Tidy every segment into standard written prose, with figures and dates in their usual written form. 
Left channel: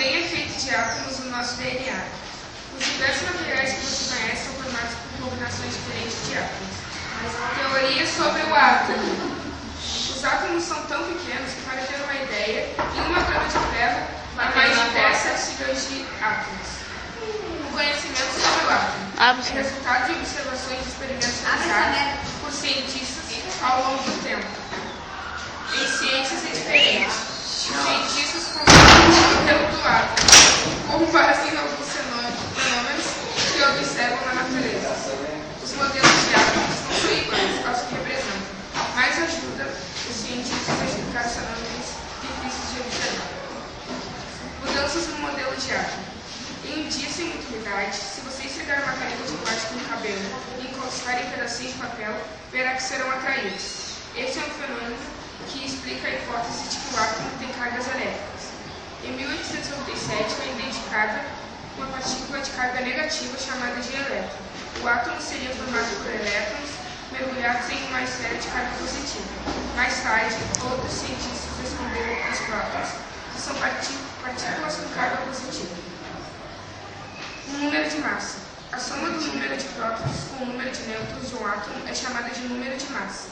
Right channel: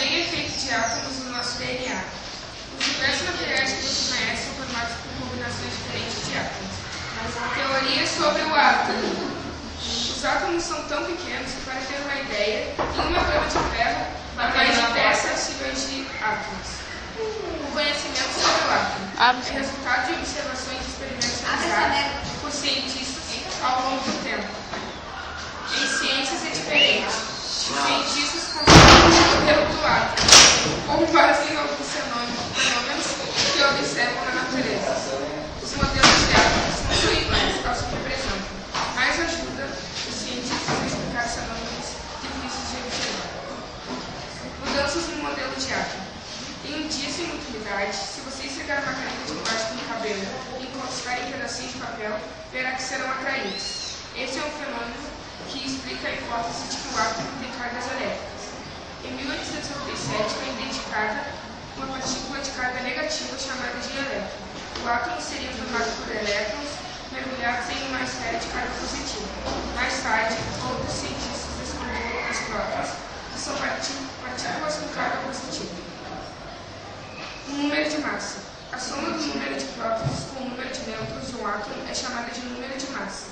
também é feito de átomos no nosso DNA. Os diversos materiais que você conhece são formados por combinações diferentes de átomos. Teoria sobre o átomo. Os átomos são tão pequenos que, para ter uma ideia, em uma grama de ferro há mais de 10 septilhões de átomos. O conhecimento sobre o átomo é resultado de observações e experimentos realizados por cientistas ao longo do tempo. Em ciências é diferente. Os cientistas consideram o modelo do átomo com base em alguns fenômenos que observam na natureza. Os modelos de átomos não são iguais aos que representam, mas ajudam os cientistas a explicar os fenômenos difíceis de observar. Mudanças no modelo de átomo. Em um dia sem muita umidade, se você esfregar uma caneta de plástico no cabelo e encostar em pedacinhos de papel, verá que serão atraídos. Esse é um fenômeno que explica a hipótese de que o átomo tem cargas elétricas. Em 1897 foi identificada uma partícula de carga negativa chamada de elétron. O átomo seria formado por elétrons mergulhados em uma esfera de carga positiva. Mais tarde, outros cientistas descobriram os prótons, que são partículas com carga positiva. O número de massa. A soma do número de prótons com o número de nêutrons de um átomo é chamada de número de massa.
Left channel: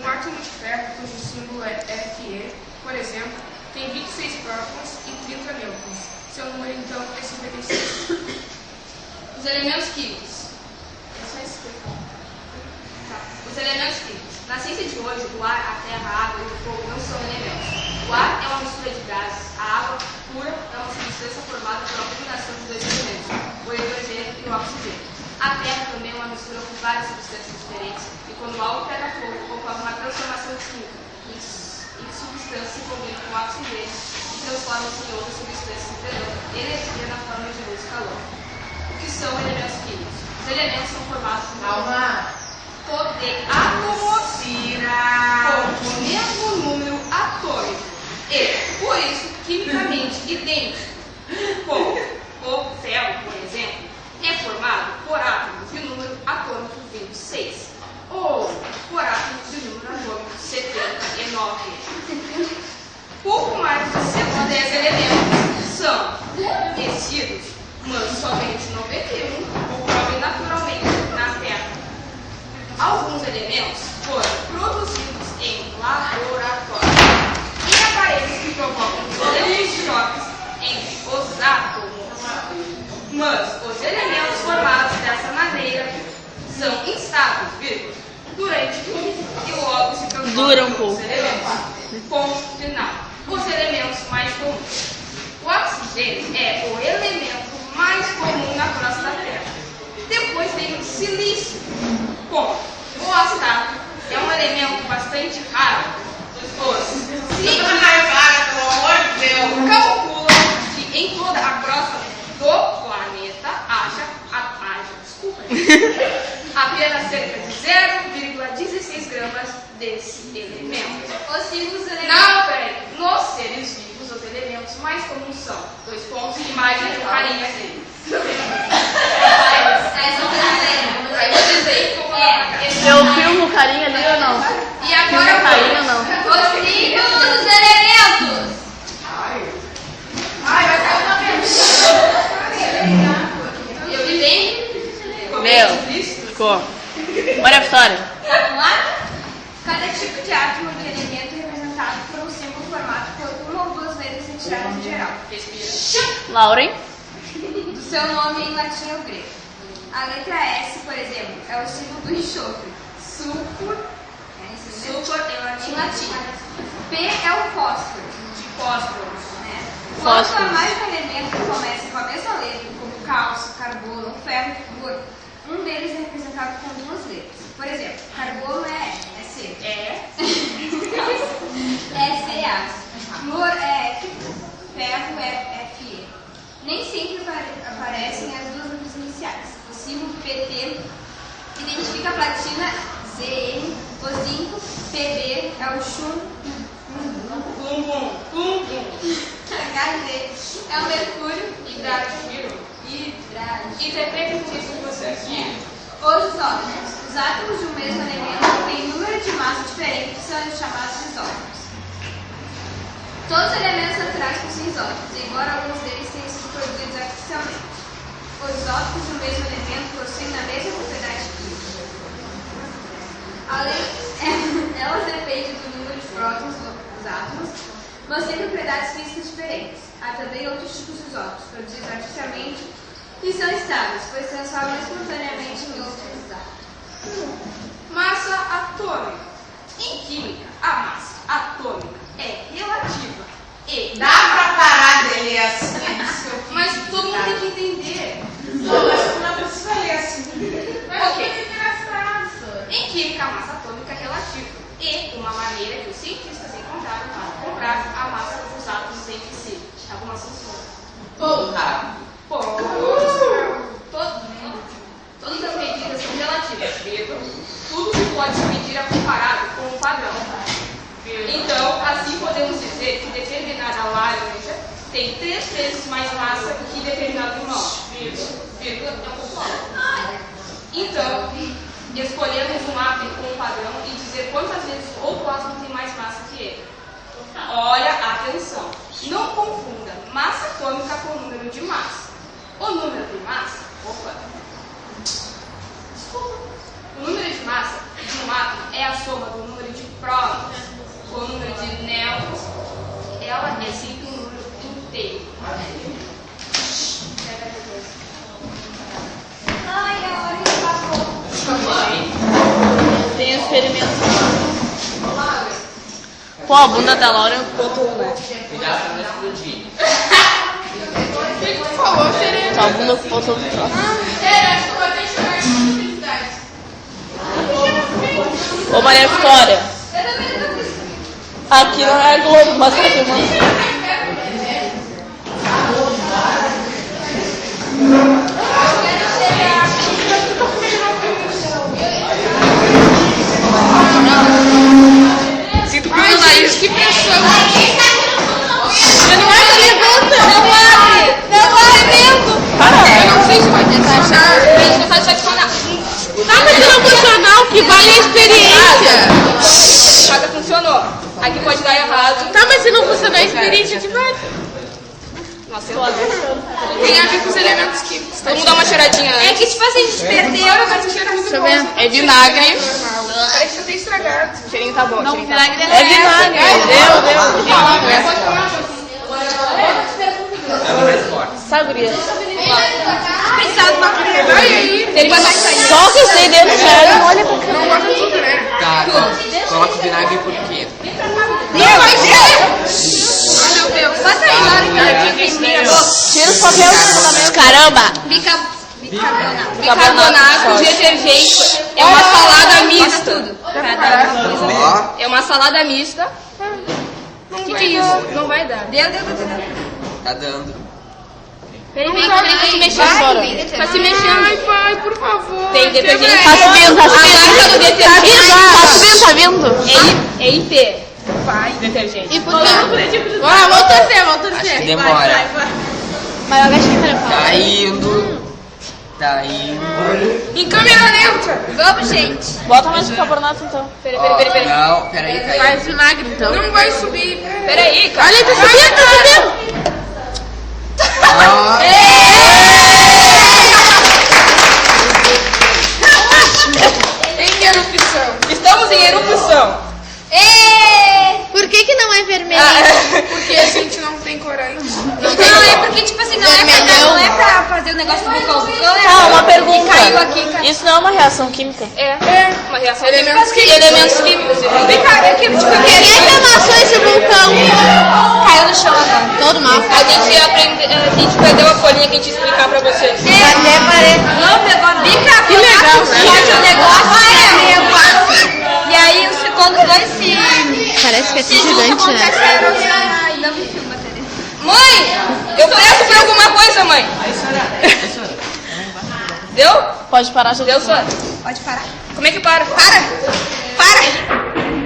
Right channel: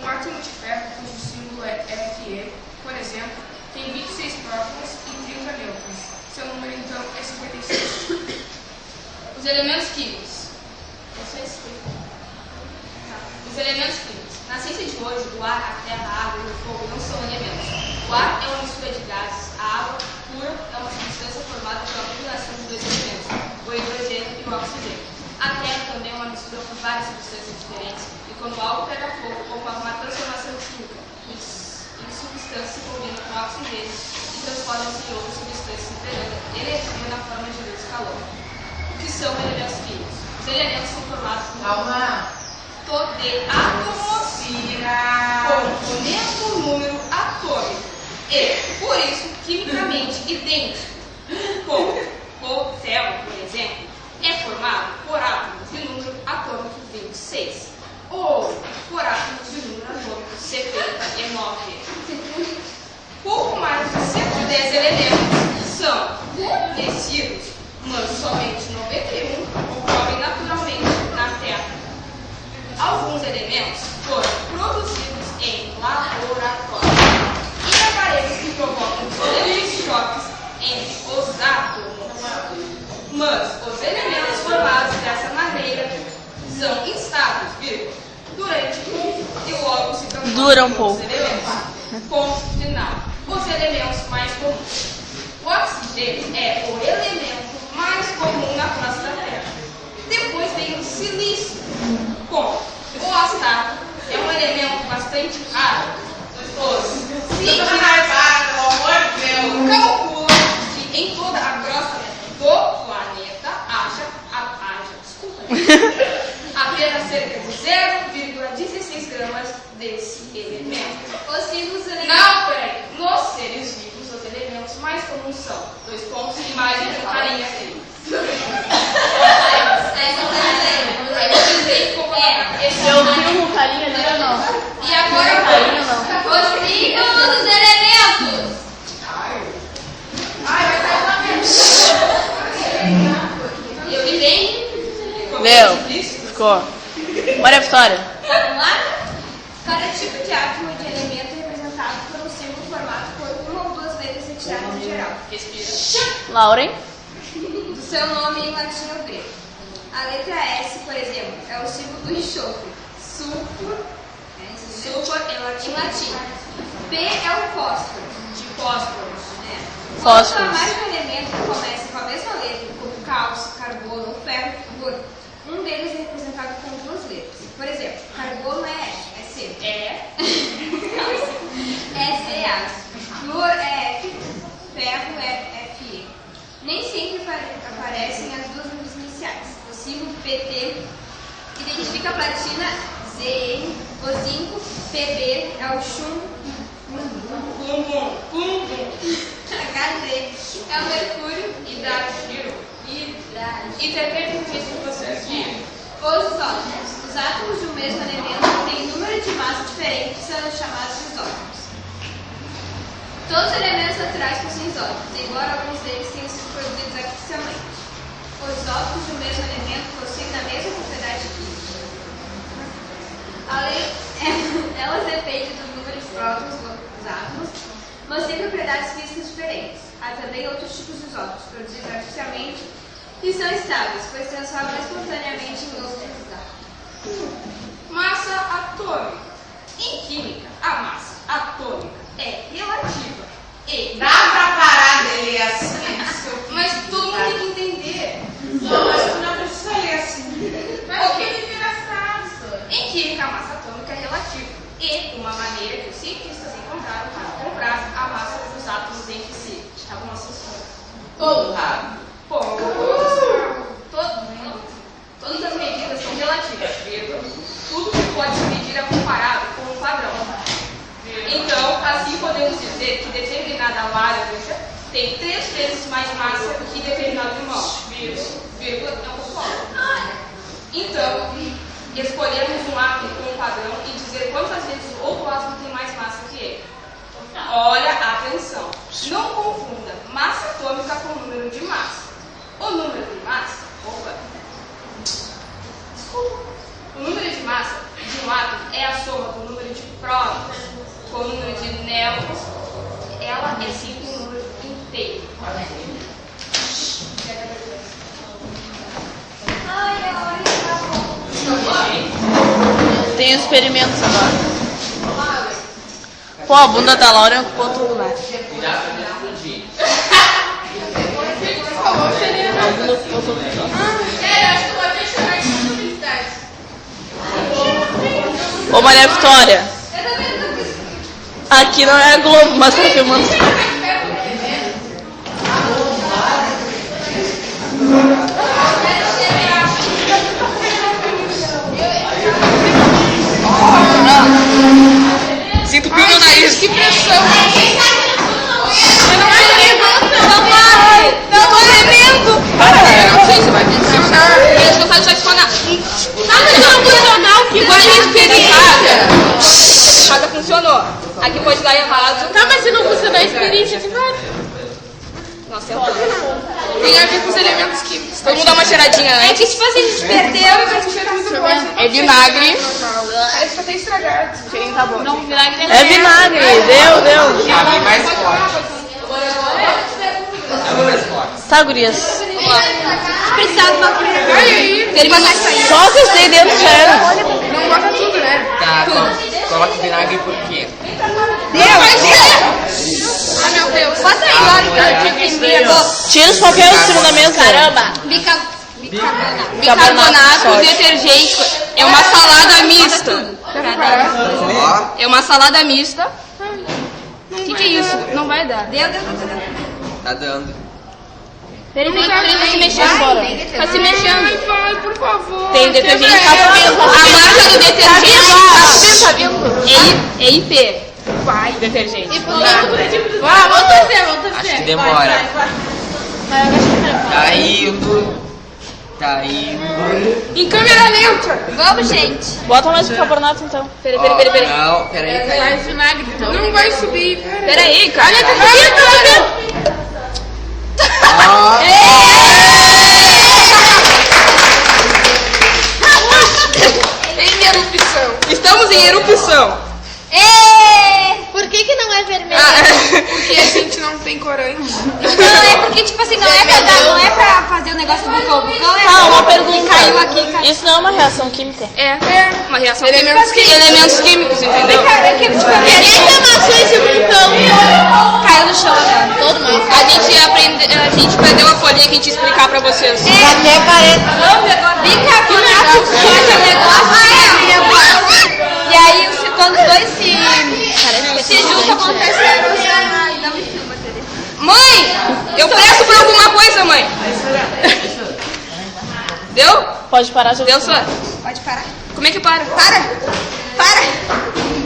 Um átomo de ferro, cujo símbolo é Fe, por exemplo, tem 26 prótons e 30 nêutrons. Seu número, então, é 56. Os elementos químicos. Os elementos químicos. Na ciência de hoje, o ar, a terra, a água e o fogo não são elementos. O ar é uma mistura de gases. A água pura é uma substância formada pela combinação de dois elementos, o hidrogênio e o oxigênio. A terra também é uma mistura com várias substâncias diferentes e quando algo pega fogo, ocorre uma transformação química em substâncias se combinam com oxigênio e transformam-se em outras substâncias liberando energia na forma de luz e calor. O que são elementos químicos? Os elementos são formados por de átomos com o mesmo número atômico e, por isso, quimicamente idênticos. Como o ferro, por exemplo, é formado por átomos de número atômico 26 ou por átomos de número atômico 79. Pouco mais de 110 elementos são conhecidos, mas somente 91 ocorrem naturalmente na Terra. Alguns elementos foram produzidos em laboratório e aparelhos que provocam violentos choques entre os átomos. Mas os elementos formados dessa maneira são instáveis, durante e logo se transformam Dura um pouco. Ponto final. Os elementos mais comuns. O oxigênio é o elemento mais comum na crosta da Terra. Depois vem o silício. O astato é um elemento bastante raro. Os cientistas calculam que em toda a crosta do planeta apenas cerca de 0,16 gramas desse elemento. Os vivos elementos. Não, peraí. Nos seres vivos, os elementos mais comuns são dois pontos, imagem de carinha dele. Eu filmo carinha ali ou não? E agora Carinha não. Os símbolos dos elementos. eu me lembro. Ficou. Bora a história. Vamos lá? Cada tipo de átomo de elemento é representado por um símbolo formado por uma ou duas letras retiradas em geral. Lauren. Do seu nome em latim ou grego. A letra S, por exemplo, é o símbolo do enxofre. Sulfur em latim. P é o fósforo. De fósforo. Quanto Fósforo. a mais um elemento que começa com a mesma letra, como cálcio, carbono ou ferro, um deles é representado com duas letras. Por exemplo, carbono é C. É Ca. Flúor é F. Ferro é Fe. Nem sempre aparecem as duas letras iniciais. O símbolo PT identifica a platina Zn, o zinco, Pb é o chumbo, Hg é o mercúrio, hidrágeno. E depende disso que você Os isótopos. Os átomos de um mesmo elemento têm número de massa diferente que são chamados de isótopos. Todos os elementos naturais possuem isótopos, embora alguns deles Os isótopos do mesmo elemento possuem a mesma propriedade química. Elas dependem do número de prótons dos átomos, mas têm propriedades físicas diferentes. Há também outros tipos de isótopos, produzidos artificialmente, que são estáveis, pois se transformam espontaneamente em outros átomos. Massa atômica. Em química, a massa atômica é relativa e... Dá pra parar de ler assim? Mas todo mundo tem que entender. Não, mas tu não precisa ler assim. Ok. Em química, a massa atômica é relativa e uma maneira que os cientistas encontraram para comprar a massa dos átomos entre si. Algumas são todas as medidas são relativas, vírgula. Tudo que pode se medir é comparado com um padrão. Então, assim podemos dizer que determinada laranja tem 3 vezes mais massa que determinado limão. Vírgula, não pessoal. Então, escolhemos um átomo com um padrão e dizer quantas vezes o outro átomo tem mais massa que ele. Olha, atenção. Não confunda massa atômica com o número de massa. O número de massa... O número de massa de um átomo é a soma do número de prótons com o número de nêutrons. Ela é sempre um número inteiro. Tem experimentos lá. Pô, a bunda da Laura ocupou tudo, né? A bunda ocupou tudo. Ô, Maria Vitória. Aqui não é a Globo, mas tá filmando. Sinto pio no nariz. Que pressão. Não vai! Para! Eu não sei se vai funcionar. A gente não sabe se vai funcionar. Nada de não funcionar, que vale a experiência. Nada funcionou. Aqui pode dar errado. Tá, mas se não funcionar a experiência, que vale? Nossa, é horrível. Tem a ver com os elementos químicos. Vamos dar uma cheiradinha É antes. que tipo assim, a gente perdeu, mas a gente Deixa eu ver. É vinagre. Parece que eu tenho estragado. O cheirinho tá bom. não, vinagre É vinagre. Deu. Tá, gurias. precisava de uma colher. Ai, aí. Ele vai sair. Só que eu sei dentro, sério. Não bota tudo, né? Tá, coloca o vinagre por quê? Ah, meu Deus. Bota aí, olha que eu aqui tem medo. Tira os papéis tira da mesa. Caramba. Bicarbonato. Bicarbonato, detergente. É uma salada mista. Tudo. Ó, É uma salada mista. O que é isso? Não vai dar. Deu. tá dando. Peraí, tá se mexendo. Embora. Tá se mexendo. Ai, pai, por favor. Tem detergente. Tá vendo? A marca do detergente. Tá vendo? É IP. Vai, detergente. Bora, vamos torcer. Acho que demora. Mas eu gastei tempo. Tá indo. Em câmera lenta. Vamos, gente. Bota mais bicarbonato então. Peraí. Não, peraí, tá indo. Vinagre então. Não vai subir. Peraí, cara. Olha, tá subindo. Ó, Em erupção. Estamos em erupção. Por que não é vermelho? Porque a gente não tem corante. Não, é porque, tipo assim, não é pra fazer o negócio do vulcão. Tá, uma pergunta. Caiu aqui. Isso não é uma reação química? É. Uma reação Elementos química. Elementos químicos, entendeu? Esse vulcão caiu no chão agora. Todo mal. A gente perdeu a folhinha que a gente ia explicar pra vocês. Bicarbonato sódio é um negócio. E aí, quando os dois se... Parece que é se juntam, acontece a erosão. Ai, não me filma, Tereza. Mãe, eu peço por alguma coisa, mãe. Deu? Pode parar já. Deu só? Pode parar. Como é que para? Para!